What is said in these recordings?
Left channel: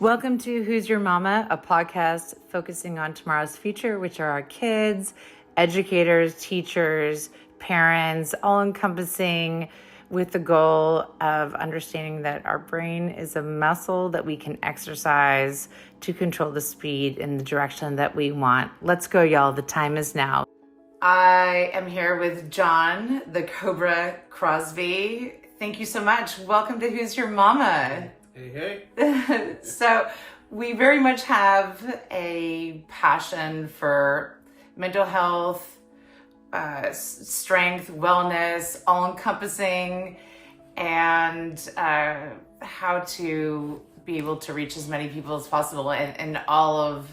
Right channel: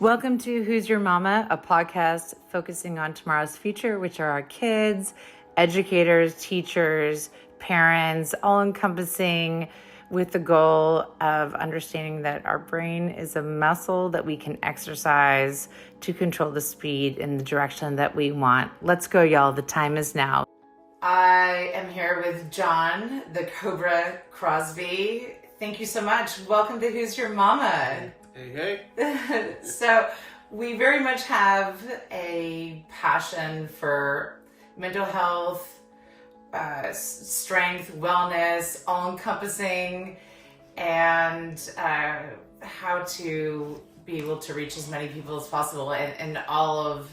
Welcome to Who's Your Mama, a podcast focusing on tomorrow's future, which are our kids, educators, teachers, parents, all encompassing with the goal of understanding that our brain is a muscle that we can exercise to control the speed in the direction that we want. Let's go, y'all. The time is now. I am here with John, the COBRA Crosby. Thank you so much. Welcome to Who's Your Mama. Hey. So we very much have a passion for mental health, strength, wellness, all-encompassing, and how to be able to reach as many people as possible in all of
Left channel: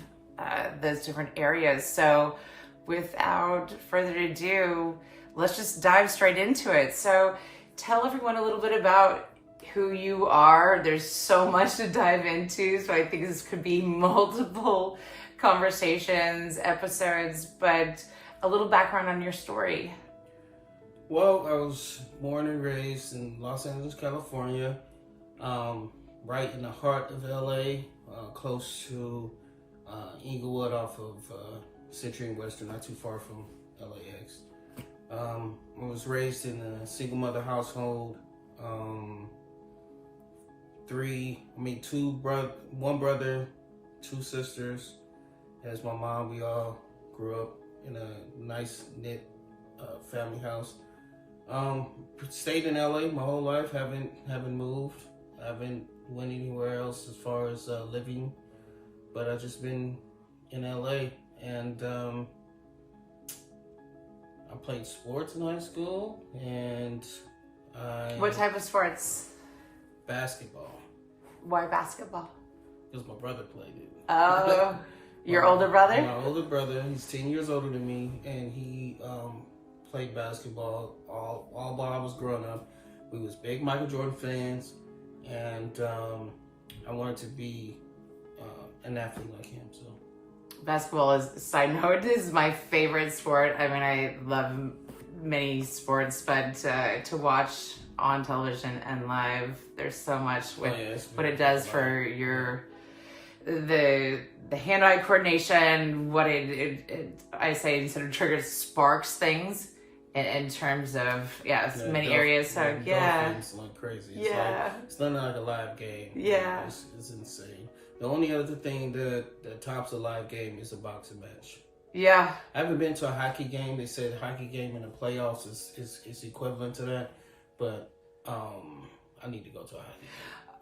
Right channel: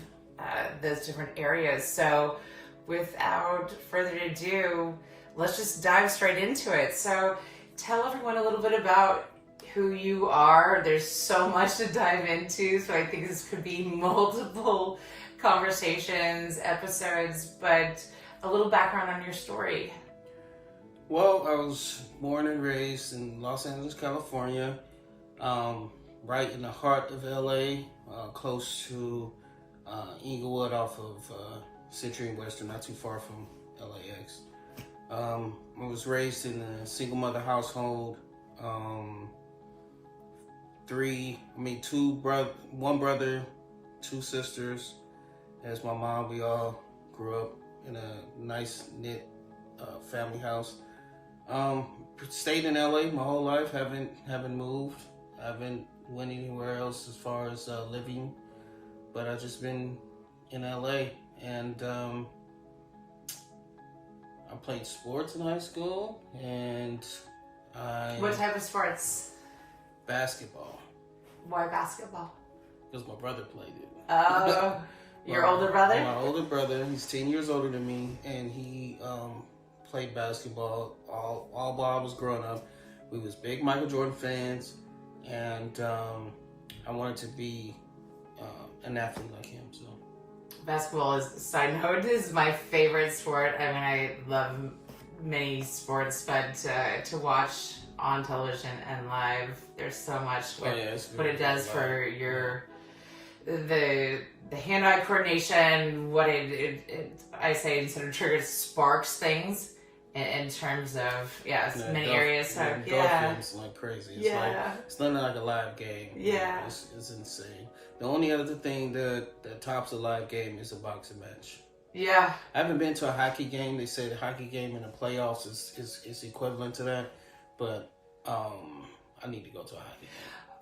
those different areas. So without further ado, let's just dive straight into it. So tell everyone a little bit about who you are. There's so much to dive into, so I think this could be multiple conversations, episodes, but a little background on your story. Well, I was born and raised in Los Angeles, California, right in the heart of LA, close to Inglewood off of Century and Western, not too far from LAX. I was raised in a single mother household. One brother, two sisters. As my mom, we all grew up in a nice knit family house. Stayed in LA my whole life. Haven't moved. Haven't went anywhere else as far as living. But I've just been in LA, and I played sports in high school, and What type of sports? Basketball. Why basketball? Because my brother played it. Oh, your older brother? My older brother. He's 10 years older than me, and he played basketball all while I was growing up. We was big Michael Jordan fans, and I wanted to be an athlete like him. So Basketball side note, is my favorite sport. I mean, I love many sports, but to watch on television and live, there's so much with what it does for the hand-eye coordination, what I say instead of triggers, sparks things in terms of many areas. So it's like crazy. It's nothing like a live game. Yeah, it's insane. The only other thing that tops a live game is a boxing match. Yeah, I haven't been to a hockey game. They say the hockey game in the playoffs is equivalent to that, but I need to go to a hockey game.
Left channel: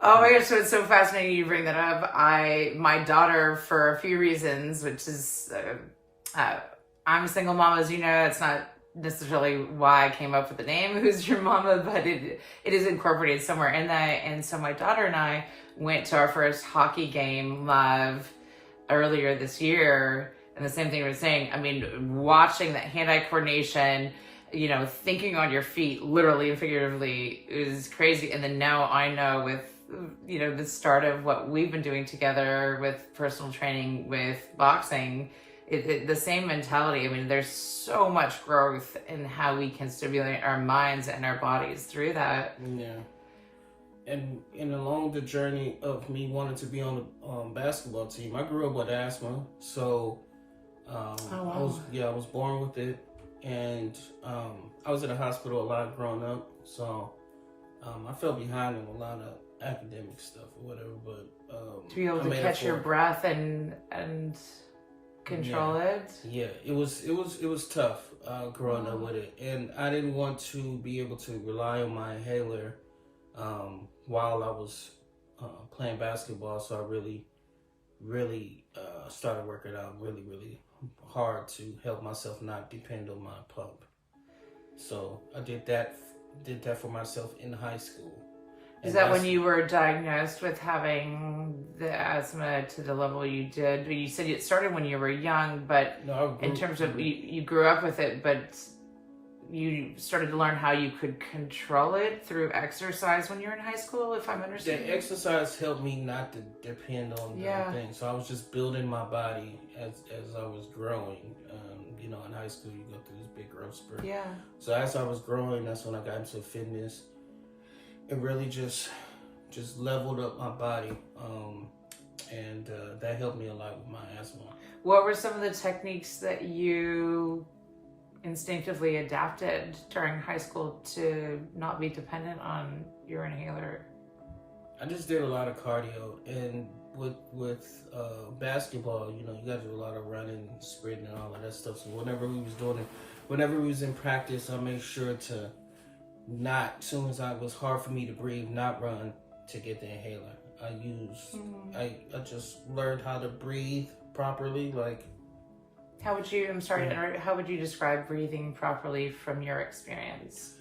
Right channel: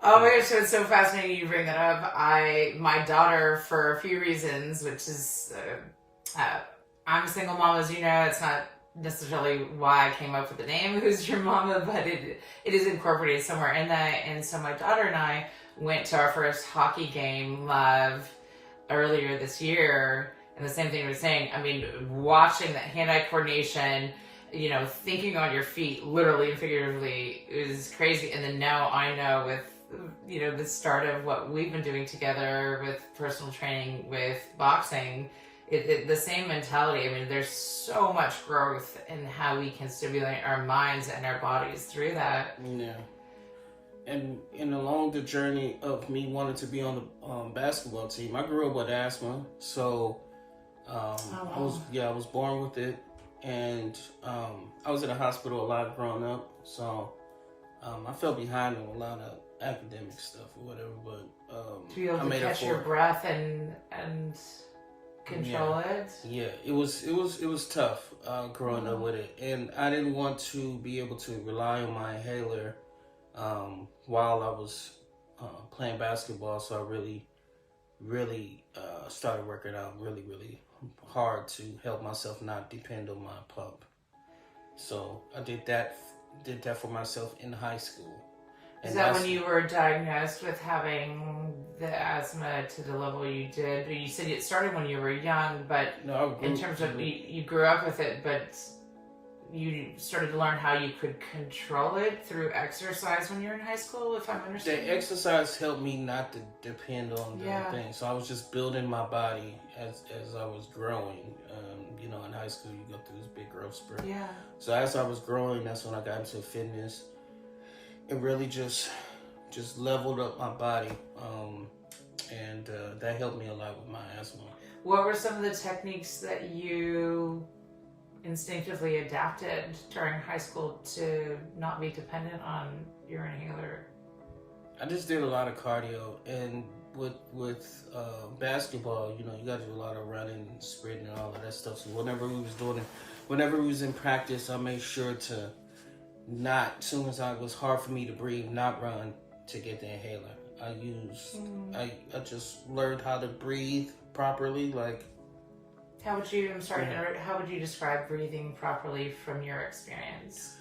Oh my gosh, so it's so fascinating you bring that up. My daughter, for a few reasons, which is, I'm a single mom, as you know. It's not necessarily why I came up with the name Who's Your Mama, but it is incorporated somewhere in that. And so my daughter and I went to our first hockey game live earlier this year. And the same thing we were saying, I mean, watching that hand-eye coordination, thinking on your feet, literally and figuratively, is crazy. And then now I know with, the start of what we've been doing together with personal training, with boxing, the same mentality. I mean, there's so much growth in how we can stimulate our minds and our bodies through that. Yeah. And along the journey of me wanting to be on the basketball team, I grew up with asthma, so I was born with it, and I was in a hospital a lot growing up, so I fell behind on a lot of academic stuff or whatever. But to be able to catch your breath and control it. Yeah, it was tough growing up with it, and I didn't want to be able to rely on my inhaler while I was playing basketball, so I really started working out really hard to help myself not depend on my pump. So I did that for myself in high school. Is that when you were diagnosed with having the asthma to the level you did? You said it started when you were young, but in terms of you grew up with it, but you started to learn how you could control it through exercise when you were in high school, if I'm understanding. The exercise helped me not to depend on the thing. So I was just building my body as I was growing. In high school you go through this big growth spurt. Yeah. So as I was growing, that's when I got into fitness. It really just leveled up my body. and that helped me a lot with my asthma. What were some of the techniques that you instinctively adapted during high school to not be dependent on your inhaler? I just did a lot of cardio, and with basketball, you know, you got to do a lot of running, sprinting, and all of that stuff. So whenever we was in practice, I made sure to not, as soon as it was hard for me to breathe, not run to get the inhaler. I just learned how to breathe properly. Like, how would you describe breathing properly from your experience?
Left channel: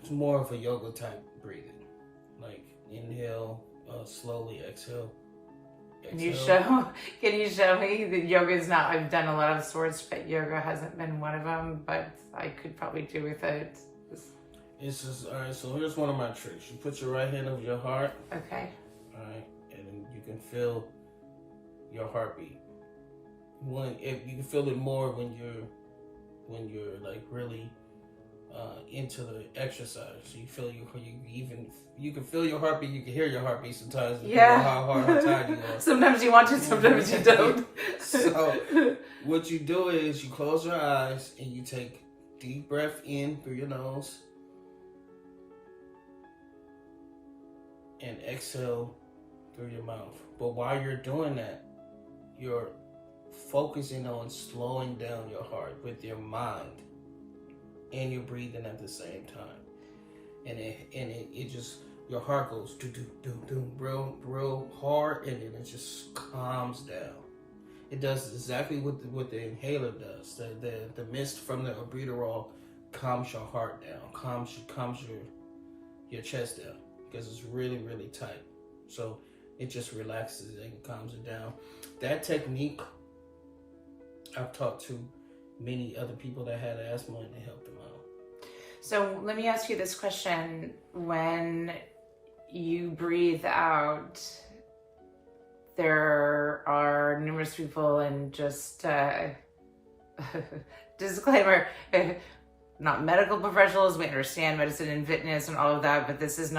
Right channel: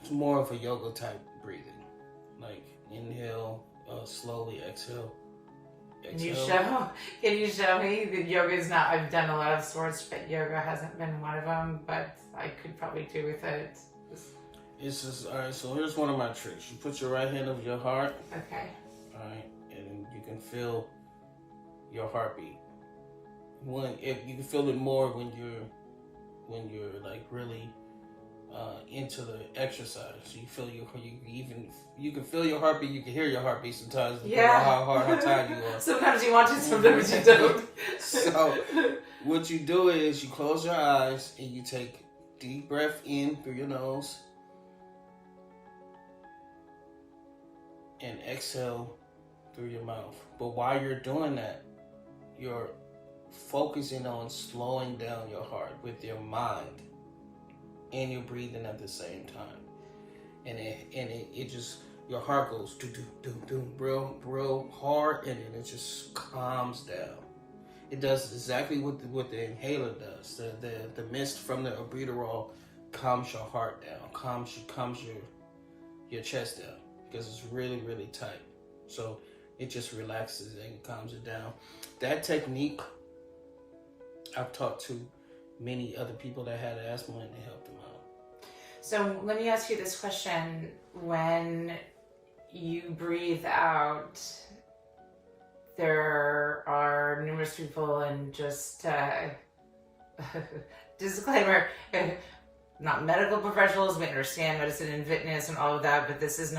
it's more of a yoga type breathing. Like, inhale, slowly exhale. Can you show me that yoga is not, I've done a lot of sports, but yoga hasn't been one of them, but I could probably do with it. It's just, all right, so here's one of my tricks. You put your right hand over your heart. Okay. All right, and then you can feel your heartbeat. If you can feel it more when you're like really into the exercise. You feel you can feel your heartbeat. You can hear your heartbeat sometimes. Depending on how tired you are. Sometimes you want to, sometimes you don't. So what you do is you close your eyes and you take deep breath in through your nose and exhale through your mouth. But while you're doing that, you're focusing on slowing down your heart with your mind, and you're breathing at the same time. And it just, your heart goes do do do do real hard, and then it just calms down. It does exactly what the inhaler does. The mist from the albuterol calms your heart down, calms your chest down, because it's really, really tight. So it just relaxes and calms it down. That technique I've taught to many other people that had asthma, and it helped them out. So let me ask you this question. When you breathe out, there are numerous people, and just disclaimer, not medical professionals. We understand medicine and fitness and all of that, but this is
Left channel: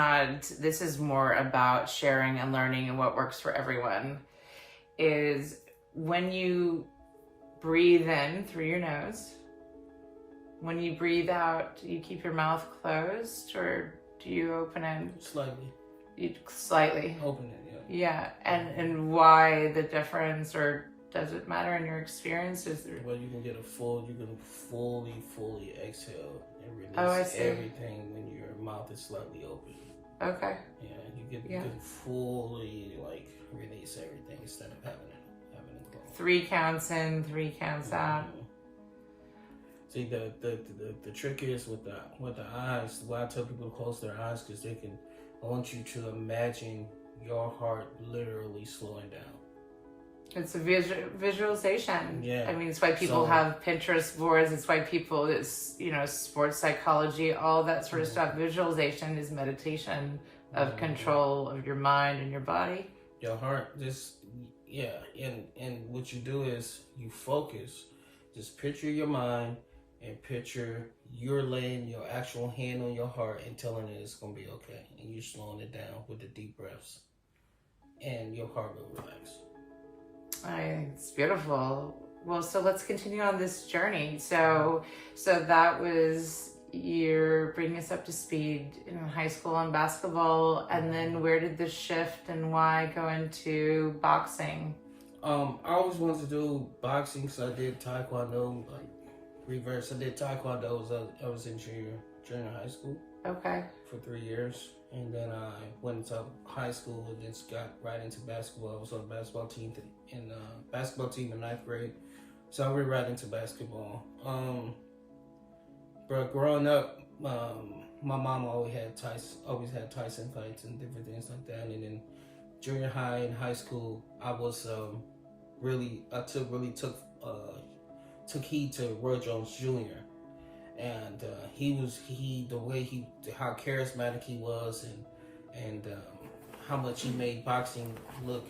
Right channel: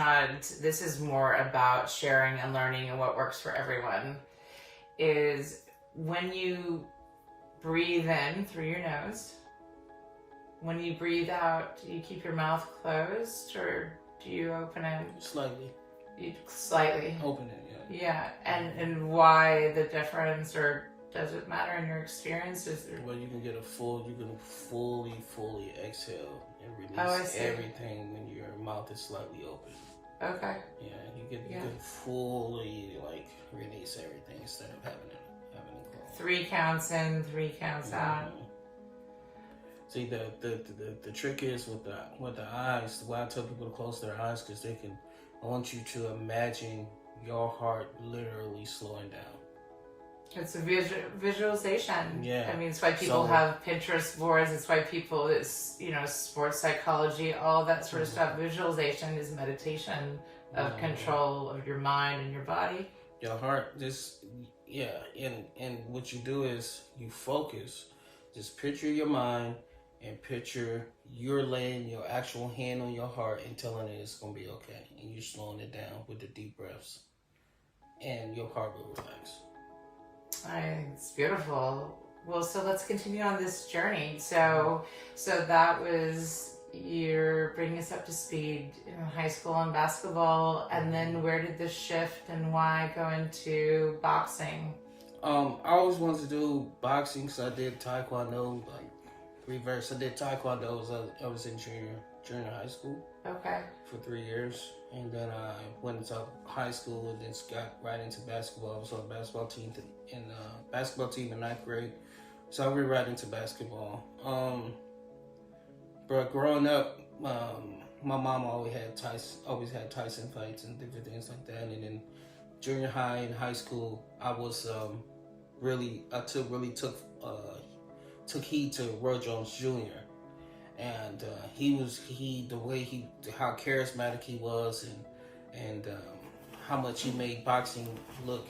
more about sharing and learning and what works for everyone. Is when you breathe in through your nose, when you breathe out, do you keep your mouth closed or do you open it? Slightly. You slightly open it, yeah. And why the difference, or does it matter in your experience? Well, you can fully exhale and release everything when your mouth is slightly open. Okay. Yeah, you can fully like release everything instead of having it closed. 3 counts in, 3 counts out. See, the trick is with the eyes. Why I tell people to close their eyes, because I want you to imagine your heart literally slowing down. It's a visualization. Yeah. I mean, it's why people have Pinterest boards. It's why people, sports psychology, all that sort of stuff. Visualization is meditation of control of your mind and your body. Your heart, and what you do is you focus. Just picture your mind and picture you're laying your actual hand on your heart and telling it it's going to be okay. And you're slowing it down with the deep breaths. And your heart will relax. It's beautiful. Well, so let's continue on this journey. So that was, you're bringing us up to speed in high school and basketball, and then where did this shift and why go into boxing? I always wanted to do boxing because I did taekwondo, like reverse. I did taekwondo as I was in junior high school. Okay. For 3 years. And then I went into high school and then got right into basketball. I was on the basketball team in 9th grade. So I went right into basketball. But growing up, my mom always had Tyson fights and different things like that. And then junior high and high school, I was took heed to Roy Jones Jr. And how charismatic he was, and how much he made boxing look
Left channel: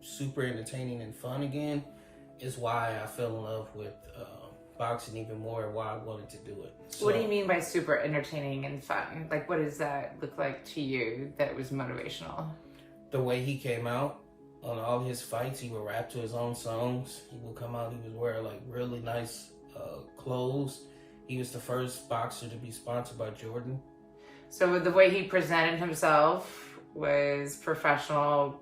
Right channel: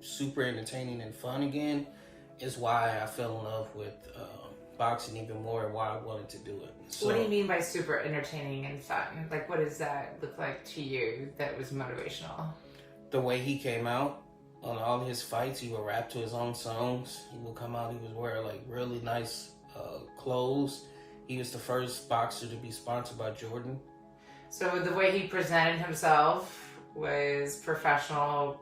super entertaining and fun again, is why I fell in love with boxing even more, and why I wanted to do it. So, what do you mean by super entertaining and fun? Like, what does that look like to you that was motivational? The way he came out, on all his fights, he would rap to his own songs. He would come out, he would wear like really nice clothes. He was the first boxer to be sponsored by Jordan. So the way he presented himself was professional,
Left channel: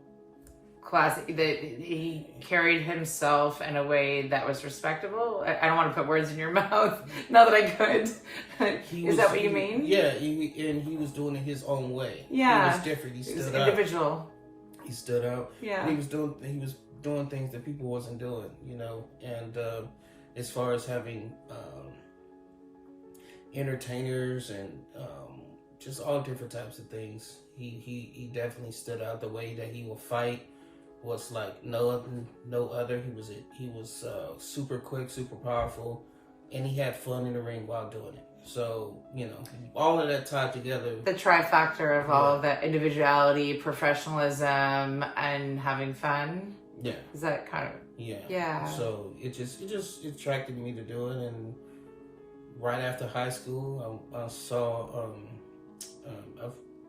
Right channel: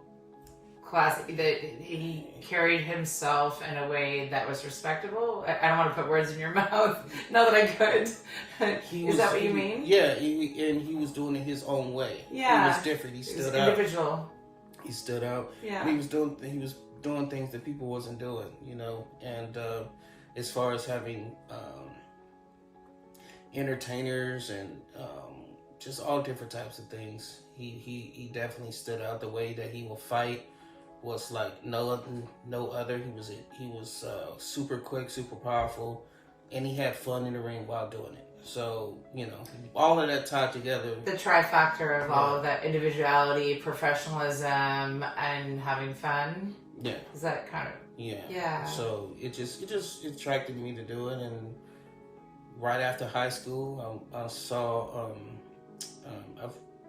classic. That he carried himself in a way that was respectable. I don't want to put words in your mouth. Not that I could. Is that what you mean? Yeah, and he was doing it his own way. Yeah, he was different. He stood was out. individual. He stood out. Yeah, and he was doing things that people wasn't doing. You know, and as far as having entertainers and just all different types of things. He definitely stood out. The way that he will fight was like no other. He was super quick, super powerful, and he had fun in the ring while doing it. So, you know, all of that tied together. The trifactor of all of that: individuality, professionalism, and having fun. Yeah. Is that kind of yeah. So it just attracted me to do it, and right after high school, I saw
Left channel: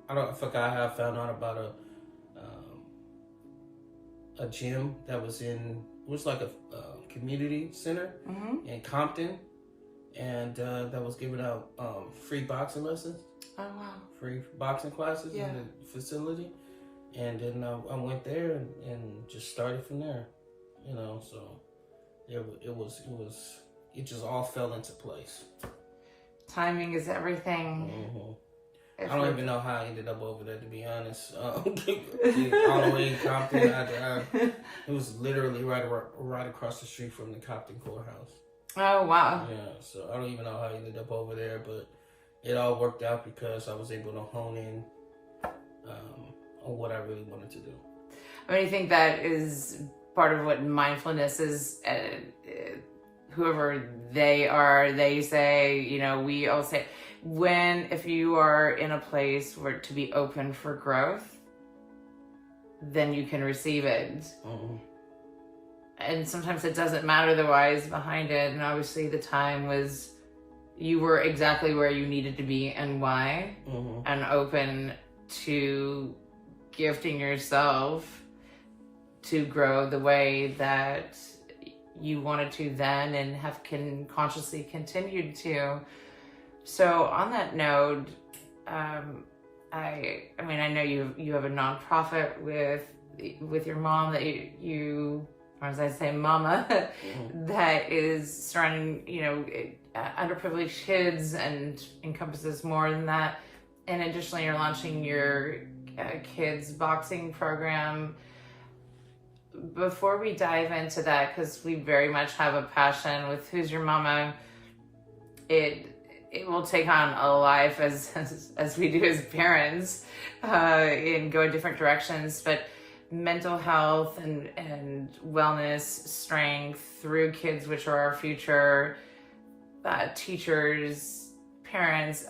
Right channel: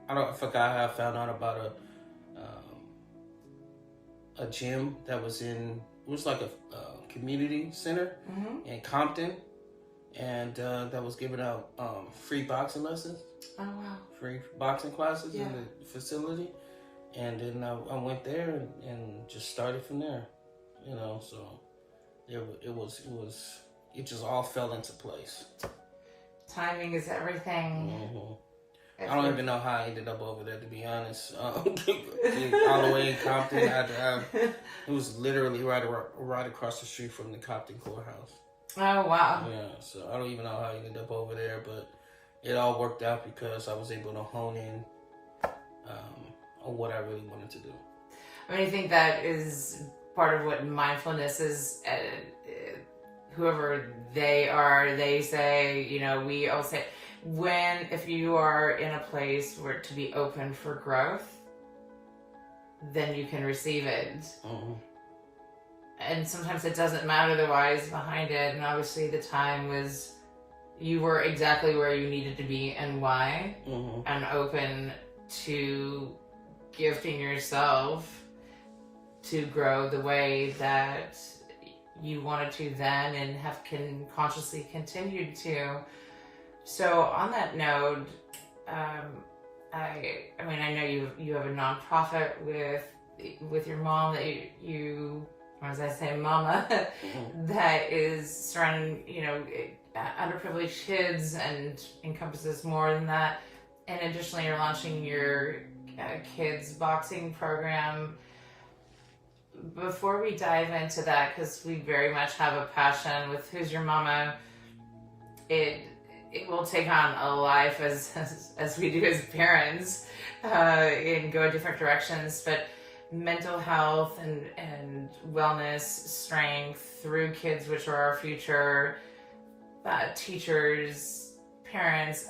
I forgot how I found out about a gym that was it was like a community center in Compton, and that was giving out free boxing lessons. Oh wow! Free boxing classes in the facility, and then I went there and just started from there. You know, so it just all fell into place. Timing is everything. Mm-hmm. I don't even know how I ended up over there, to be honest. All the way in Compton, it was literally right across the street from the Compton courthouse. Oh, wow. Yeah, so I don't even know how I ended up over there, but it all worked out because I was able to hone in on what I really wanted to do. I mean, I think that is part of what mindfulness is. Whoever they are, they say, you know, we always say, if you are in a place where to be open for growth, then you can receive it. Mm-hmm. And sometimes it doesn't matter the whys behind it. And obviously the time was, you were exactly where you needed to be and why, and open to gifting yourself to grow the way that you wanted to then and have consciously continued to. So on that note, I mean, I know you have a nonprofit with your mom that you or as I say, mama, that is surrounding, you know, underprivileged kids and encompasses more than that. And additionally, you're launching your kids boxing program. Before we dive into that, because we very much have a passion with Who's Your Mama, it will take on a life as we do as parents and go in different directions. But mental health and wellness, strength through kids, which are our future, teachers, parents,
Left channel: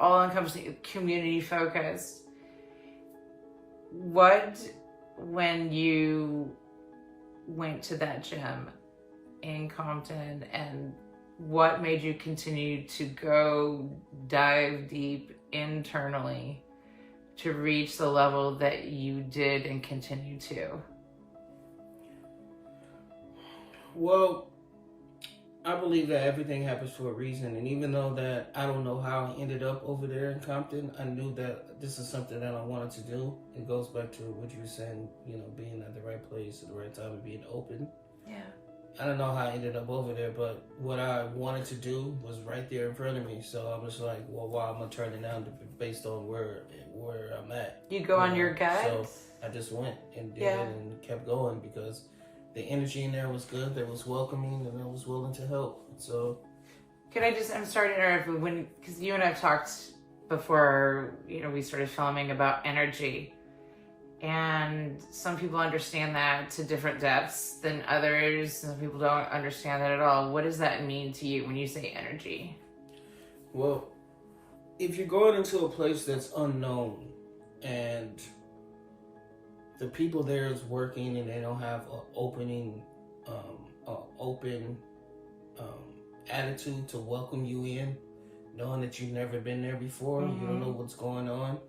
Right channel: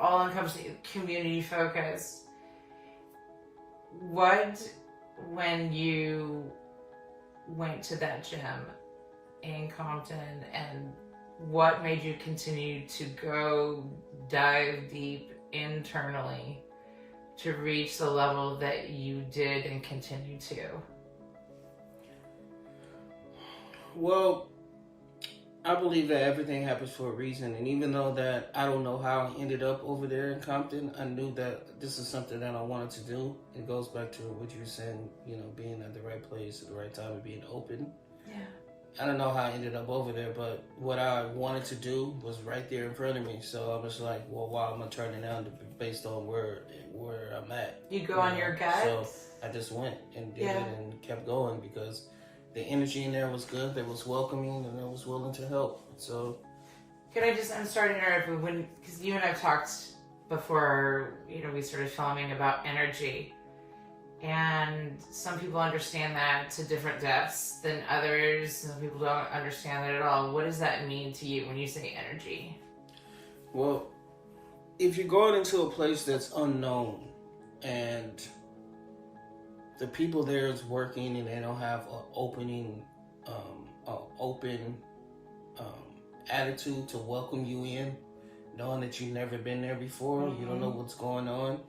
all encompassing, community focus. When you went to that gym in Compton, and what made you continue to go dive deep internally to reach the level that you did and continue to? Well, I believe that everything happens for a reason, and even though that I don't know how I ended up over there in Compton, I knew that this is something that I wanted to do. It goes back to what you were saying, you know, being at the right place at the right time and being open. Yeah. I don't know how I ended up over there, but what I wanted to do was right there in front of me. So I was like, well, why am I turning down based on where I'm at? You go on your gut? So I just went and did it and kept going because the energy in there was good, that was welcoming, and I was willing to help. So, I'm sorry to interrupt, because you and I have talked before, you know, we started filming about energy. And some people understand that to different depths than others. Some people don't understand that at all. What does that mean to you when you say energy? Well, if you're going into a place that's unknown and the people there is working and they don't have an open attitude to welcome you in, knowing that you've never been there before, you don't know what's going on,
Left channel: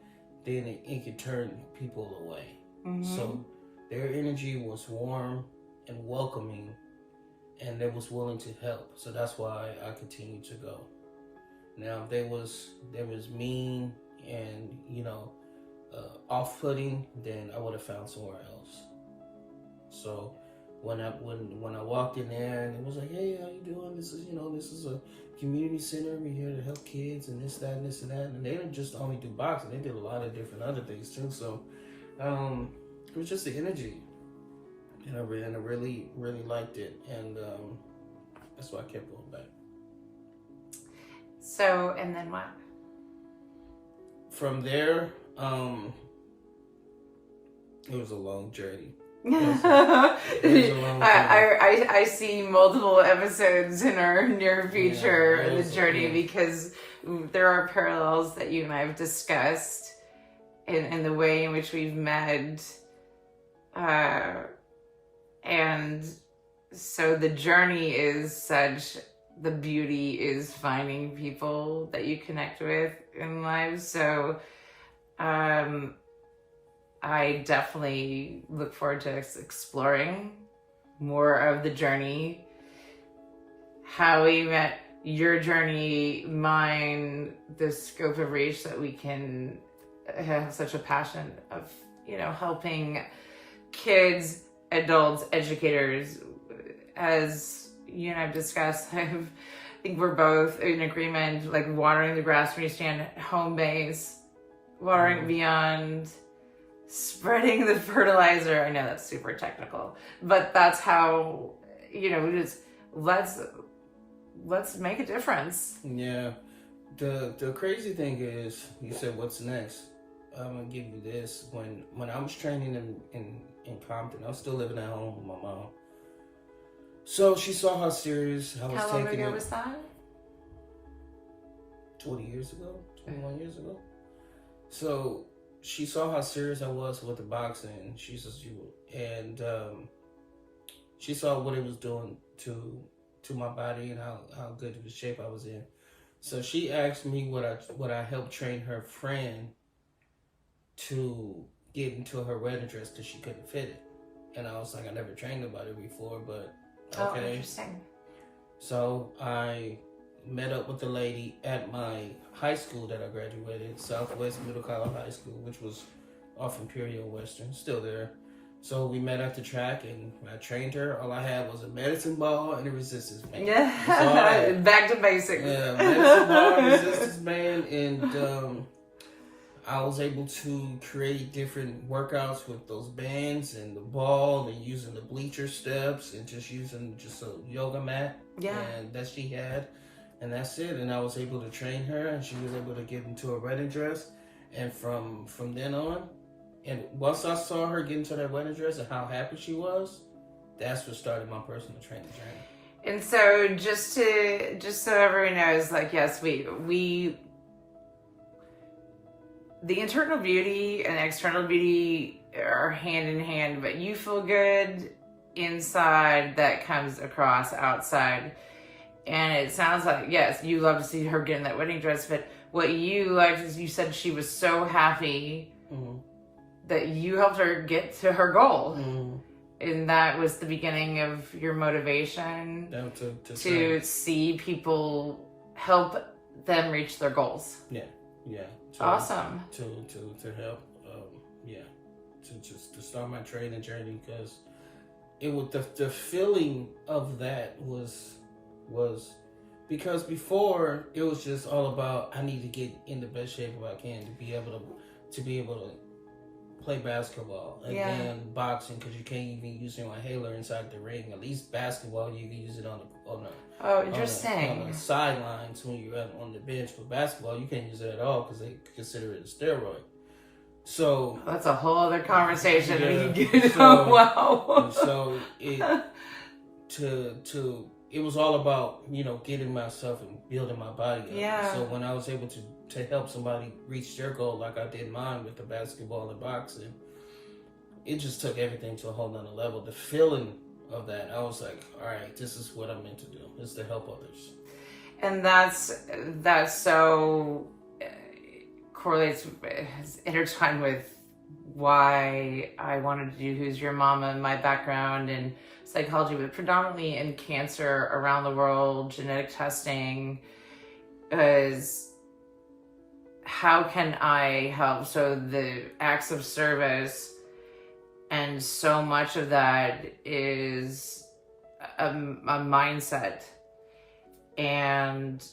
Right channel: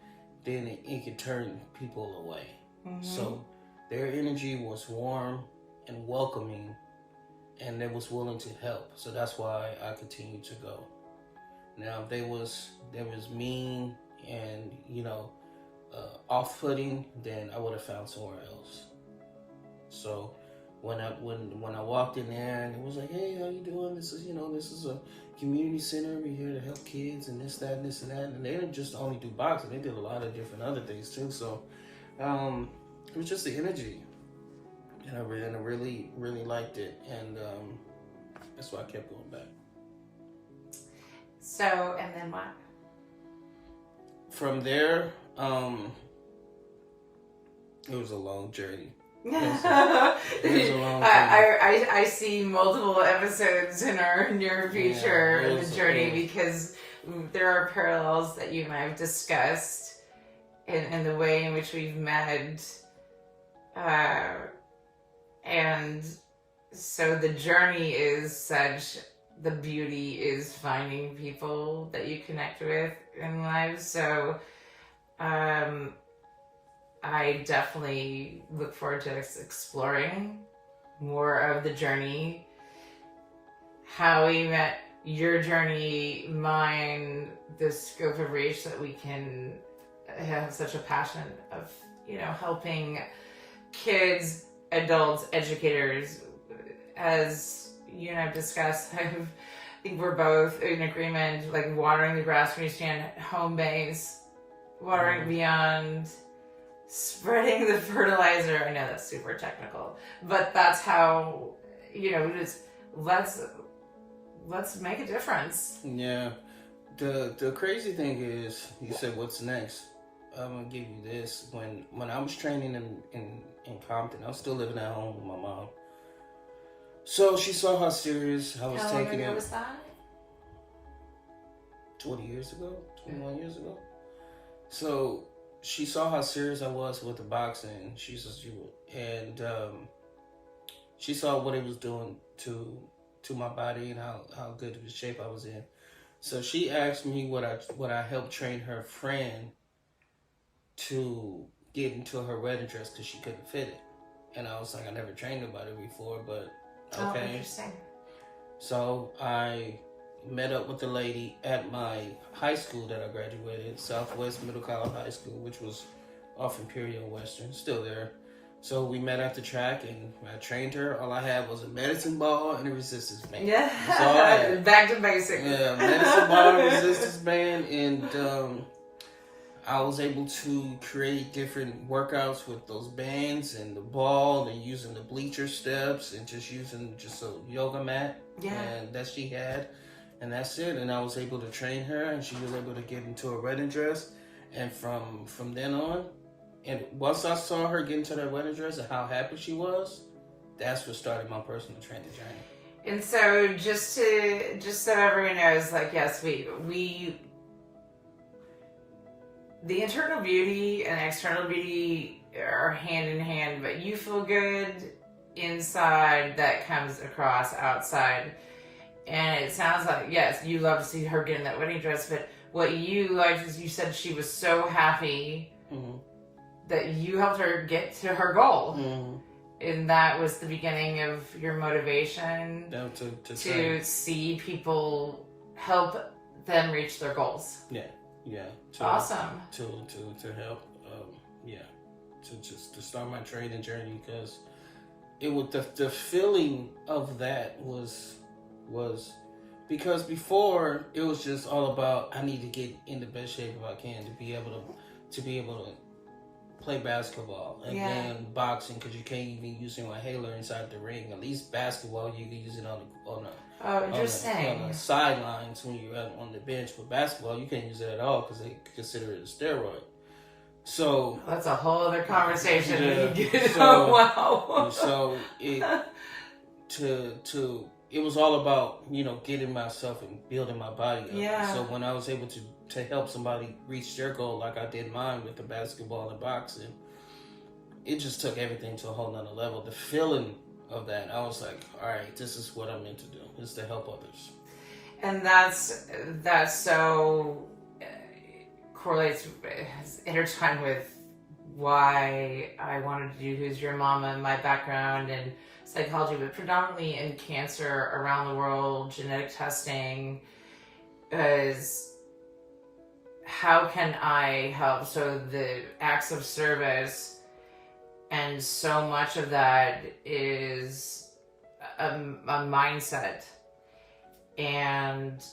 then it can turn people away. So their energy was warm and welcoming, and they was willing to help. So that's why I continued to go. Now, if they was mean and off-putting, then I would have found somewhere else. So when I walked in there and it was like, hey, how you doing? This is a community center. We're here to help kids and this, that, and this and that. And they didn't just only do boxing; they did a lot of different other things too. So it was just the energy, and I really liked it, and that's why I kept going back. So, and then what? From there, it was a long journey. I see multiple episodes in our near future in the journey because there are parallels that you and I have discussed in the way in which we've met, and so the journey is such. The beauty is finding people that you connect with in life. So, I definitely look forward to exploring more of the journey, how we met, your journey, mine, the scope of reach that we can have such a passion of, helping kids, adults, educators. As you and I've discussed, I think we're both in agreement, like watering the grass when you stand home base, watering beyond, spreading the fertilizer. I know that's super technical, but that's how, just let's make a difference. Yeah. The crazy thing is, you said, what's next? I'm going to give you this. When I was training in Compton, I was still living at home with my mom. So she saw how serious I was taking it. How long ago was that? 20 years ago, 21 years ago. So she saw how serious I was with the boxing. She says, she saw what it was doing to my body and how good of a shape I was in. So she asked me would I help train her friend to get into her wedding dress because she couldn't fit it. And I was like, I never trained nobody before, but okay. Oh, interesting. So I met up with the lady at my high school that I graduated, Southwest Middle College High School, which was off Imperial Western, still there. So we met at the track and I trained her. All I had was a medicine ball and a resistance band. Yeah, back to basics. Yeah, medicine ball, resistance band, and I was able to create different workouts with those bands and the ball and using the bleacher steps and just using a yoga mat. Yeah. And that she had. And that's it. And I was able to train her and she was able to get into a wedding dress. And from then on, and once I saw her get into that wedding dress and how happy she was, that's what started my personal training journey. And so just so everyone knows, like, yes, we the internal beauty and external beauty are hand in hand, but you feel good inside, that comes across outside. And it sounds like, yes, you love to see her get in that wedding dress, but what you liked is you said she was so happy that you helped her get to her goal. And that was the beginning of your motivation to see people, help them reach their goals. Yeah. Awesome. To help, to start my training journey, because it was the feeling of that was because before it was just all about I need to get in the best shape if I can to be able to play basketball and then boxing, because you can't even use your inhaler inside the ring. At least basketball you can use it on the sidelines when you're on the bench. For basketball, you can't use it at all because they consider it a steroid. So that's a whole other conversation. So it was all about getting myself and building my body up. Yeah. So when I was able to help somebody reach their goal, like I did mine with the basketball and boxing, it just took everything to a whole nother level. The feeling of that, I was like, all right, this is what I'm meant to do, is to help others. And that's so correlates, intertwined with why I wanted to do Who's Your Mama and my background in psychology, but predominantly in cancer around the world, genetic testing, is how can I help? So the acts of service, and so much of that is a mindset. And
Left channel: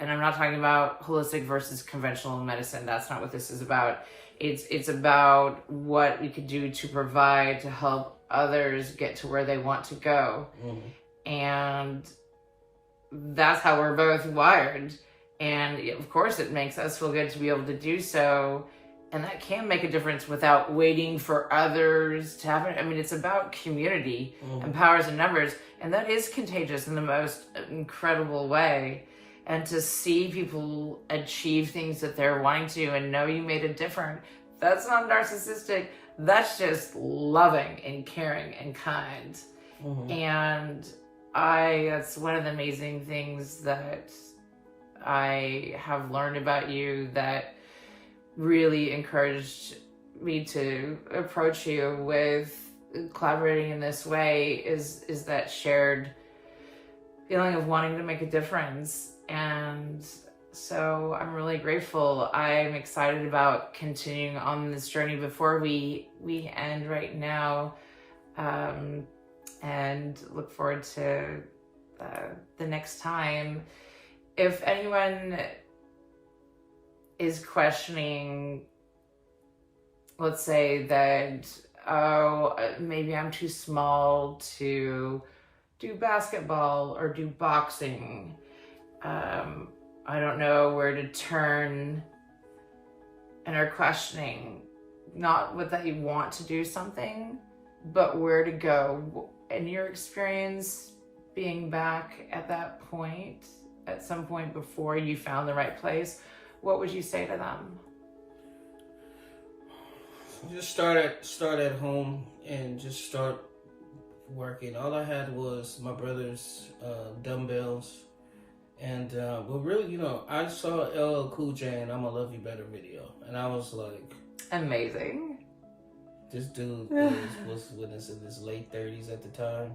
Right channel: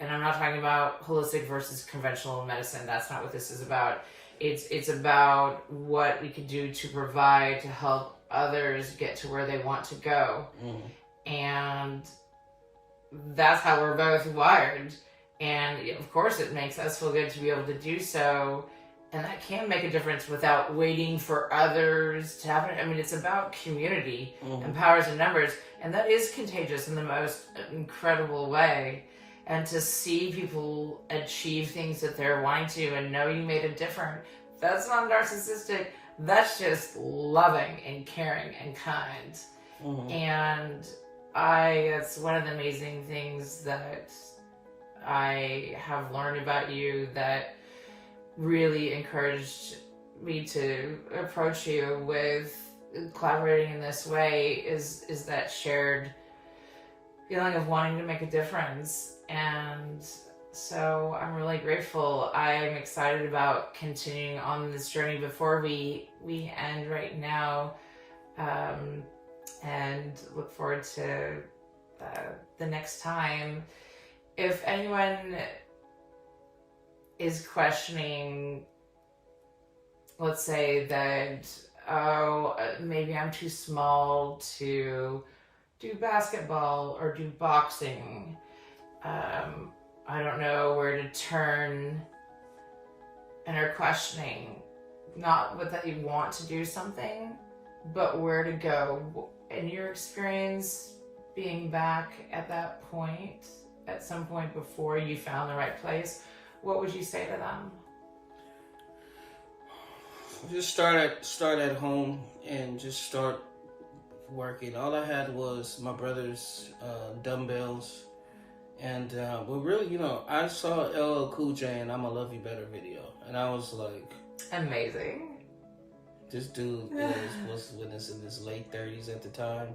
I'm not talking about holistic versus conventional medicine. That's not what this is about. It's about what we could do to provide to help others get to where they want to go. And that's how we're both wired. And of course it makes us feel good to be able to do so. And that can make a difference without waiting for others to happen. I mean, it's about community and powers and numbers. And that is contagious in the most incredible way. And to see people achieve things that they're wanting to and know you made a difference, that's not narcissistic. That's just loving and caring and kind. And that's one of the amazing things that I have learned about you that really encouraged me to approach you with collaborating in this way is that shared feeling of wanting to make a difference. And so I'm really grateful. I'm excited about continuing on this journey before we end right now, and look forward to the next time. If anyone is questioning, let's say that, maybe I'm too small to do basketball or do boxing, I don't know where to turn, and are questioning, not that you want to do something, but where to go. In your experience, being back at that point, at some point before you found the right place, what would you say to them? Just start at home and just start working. All I had was my brother's dumbbells, and but really, I saw LL Cool J and "I'ma Love You Better" video, and I was like, amazing. This dude was in his late 30s at the time,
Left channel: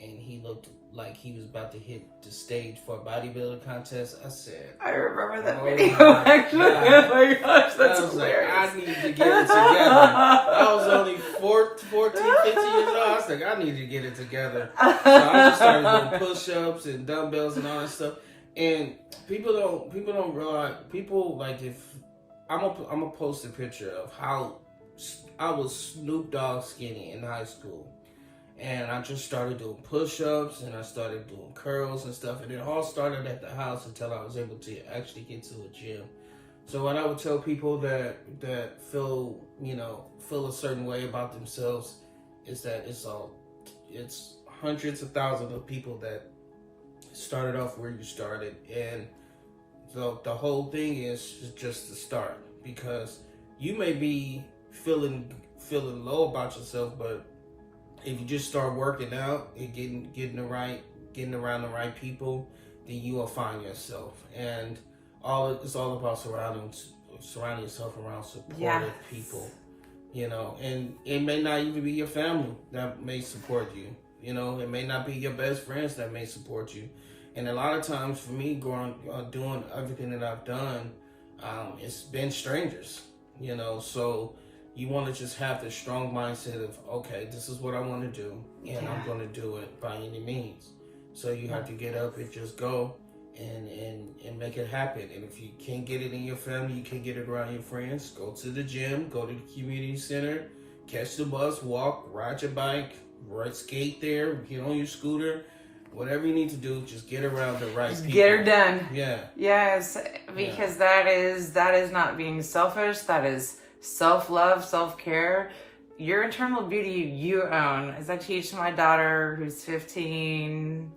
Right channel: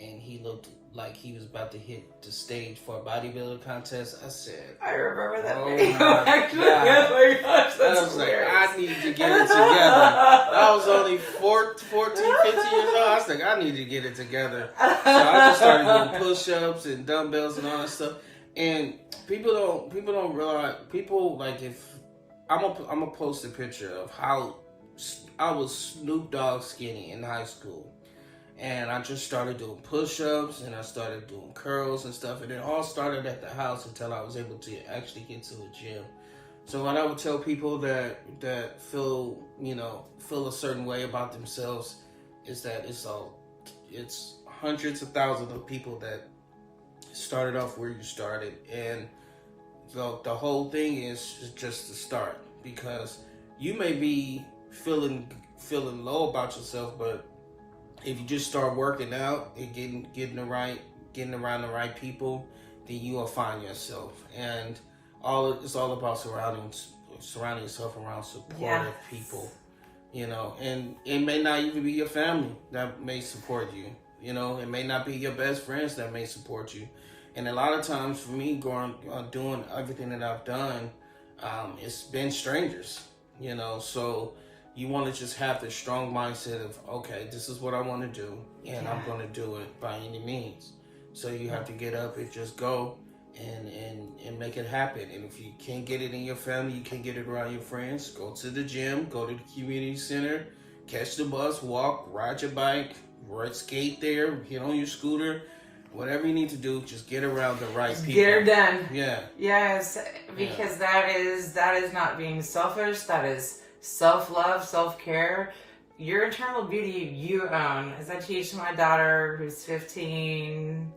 and he looked like he was about to hit the stage for a bodybuilding contest. I said, I remember that video, actually. Oh my gosh, that's I was hilarious. Like, I need to get it together. I was only 14, 15 years old. I was like, I need to get it together. So I just started doing push-ups and dumbbells and all that stuff. And people don't realize, if I'm gonna post a picture of how I was Snoop Dogg skinny in high school. And I just started doing push-ups, and I started doing curls and stuff. And it all started at the house until I was able to actually get to a gym. So what I would tell people that feel a certain way about themselves is that it's hundreds of thousands of people that started off where you started. And the whole thing is just the start, because you may be feeling low about yourself, but if you just start working out and getting around the right people, then you will find yourself. And it's all about surrounding yourself around supportive people. And it may not even be your family that may support you. It may not be your best friends that may support you. And a lot of times for me, doing everything that I've done, it's been strangers. So you want to just have the strong mindset of, okay, this is what I want to do, and I'm going to do it by any means. So you have to get up and just go and make it happen. And if you can't get it in your family, you can't get it around your friends, go to the gym, go to the community center, catch the bus, walk, ride your bike, skate there, get on your scooter, whatever you need to do, just get around the right people. Get her done. Yeah. Yes, because that is not being selfish. That is self-love, self-care. Your internal beauty you own. As I teach my daughter who's 15,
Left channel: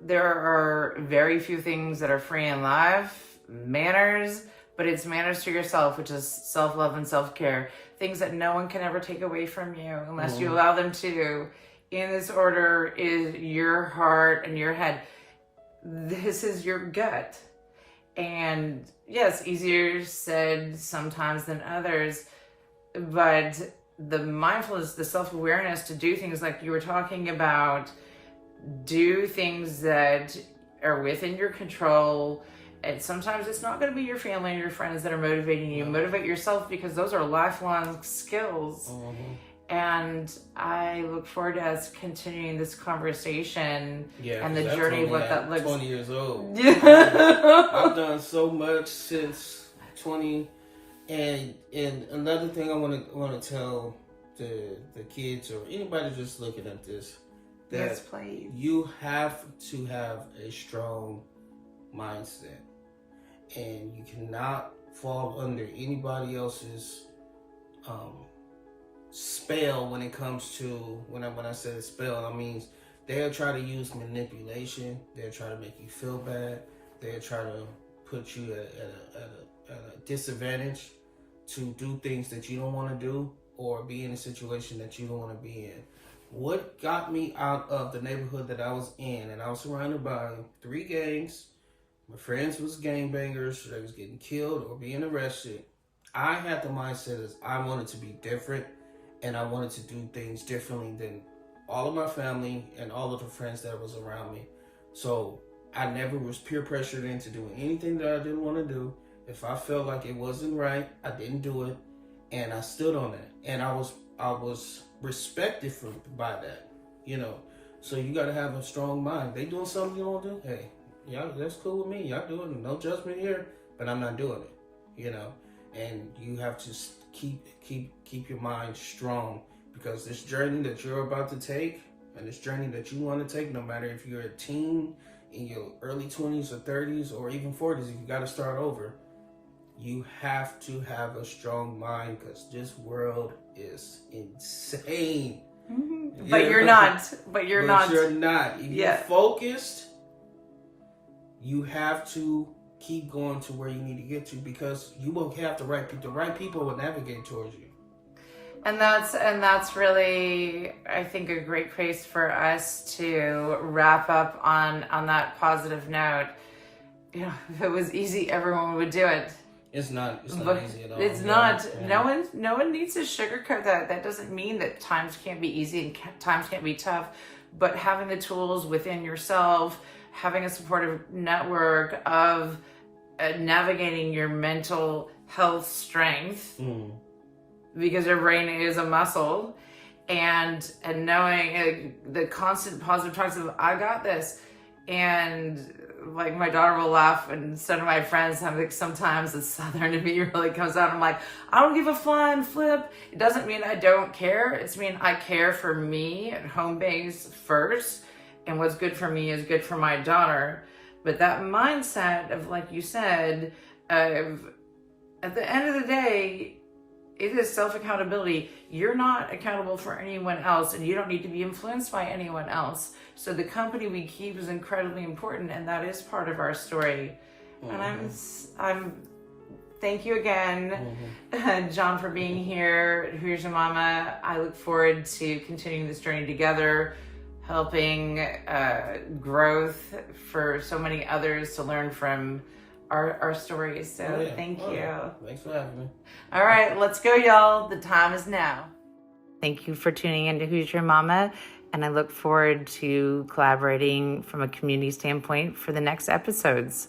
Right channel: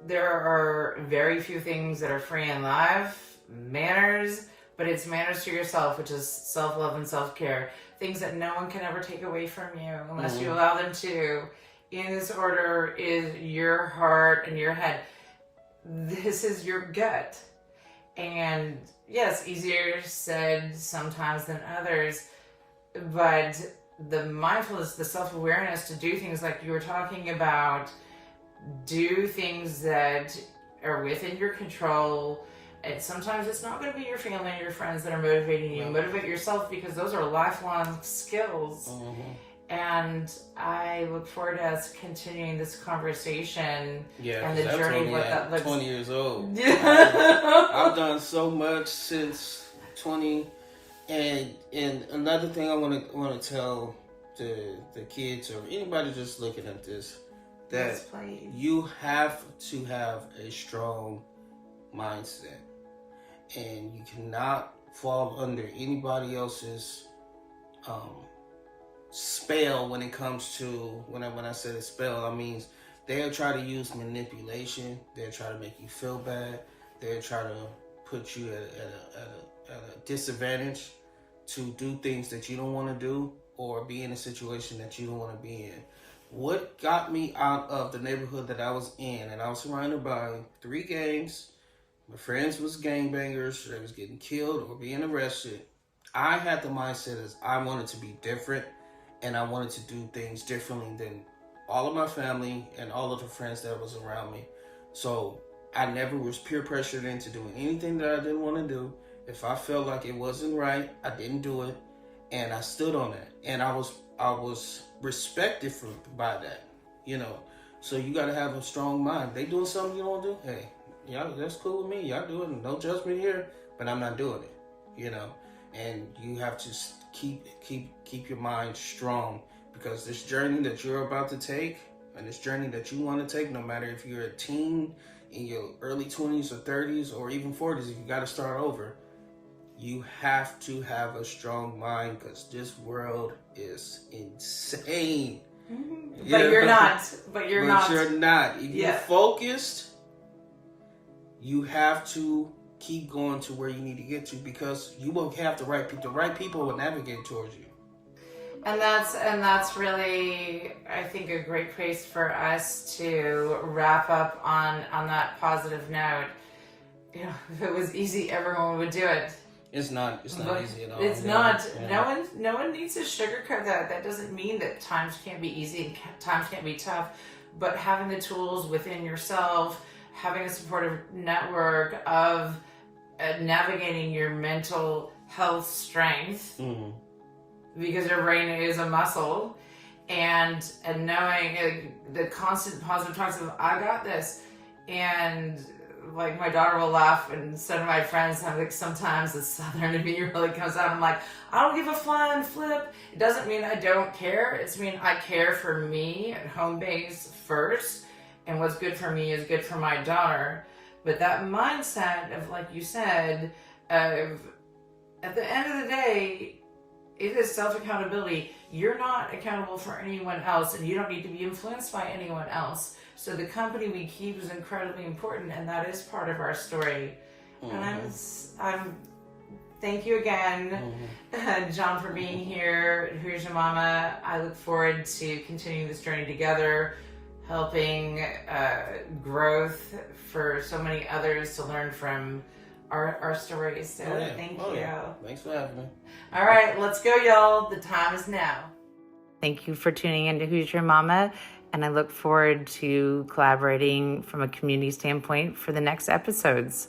there are very few things that are free in life. Manners, but it's manners to yourself, which is self-love and self-care. Things that no one can ever take away from you unless you allow them to. In this order is your heart and your head. This is your gut. And yes, easier said sometimes than others, but the mindfulness, the self-awareness to do things like you were talking about, do things that are within your control. And sometimes it's not going to be your family and your friends that are motivating you. Motivate yourself, because those are lifelong skills. And I look forward to us continuing this conversation and the journey of what that looks like. 20 years old. I've done so much since 20. And another thing I want to tell the kids or anybody just looking at this, that you have to have a strong mindset. And you cannot fall under anybody else's spell when it comes to, when I say the spell, I mean they'll try to use manipulation. They'll try to make you feel bad. They'll try to put you at a disadvantage to do things that you don't want to do or be in a situation that you don't want to be in. What got me out of the neighborhood that I was in, and I was surrounded by 3 gangs. My friends was gangbangers. They was getting killed or being arrested. I had the mindset as I wanted to be different, and I wanted to do things differently than all of my family and all of the friends that was around me. So I never was peer pressured into doing anything that I didn't want to do. If I felt like it wasn't right, I didn't do it, and I stood on it. And I was respected by that, you know. So you got to have a strong mind. They doing something you don't do, hey, yeah, that's cool with me. Y'all do it. No judgment here, but I'm not doing it, you know. And you have to keep your mind strong, because this journey that you're about to take and this journey that you want to take, no matter if you're a teen in your early 20s or 30s or even 40s, if you got to start over, you have to have a strong mind, because this world is insane. But you're not. But you're not. If you're focused, you have to keep going to where you need to get to, because you will have the right people. The right people will navigate towards you. And that's really, I think, a great place for us to wrap up on that positive note. You know, if it was easy, everyone would do it. It's not easy at all. It's not. Yeah. No one needs to sugarcoat that. That doesn't mean that times can't be easy and times can't be tough. But having the tools within yourself, having a supportive network of navigating your mental health strength, because your brain is a muscle, and knowing the constant positive talks of, I got this. And like, my daughter will laugh, and some of my friends have, like, sometimes the Southern in me really comes out. I'm like, I don't give a flying flip. It doesn't mean I don't care. It's mean I care for me at home base first, and what's good for me is good for my daughter. But that mindset of, like you said, of at the end of the day, it is self-accountability. You're not accountable for anyone else, and you don't need to be influenced by anyone else. So the company we keep is incredibly important, and that is part of our story. And I'm thank you again, John, for being here. Here's Your Mama. I look forward to continuing this journey together, helping growth for so many others to learn from our stories. So thank you. Thanks for having me. All right, let's go, y'all. The time is now. Thank you for tuning in to Who's Your Mama, and I look forward to collaborating from a community standpoint for the next episodes.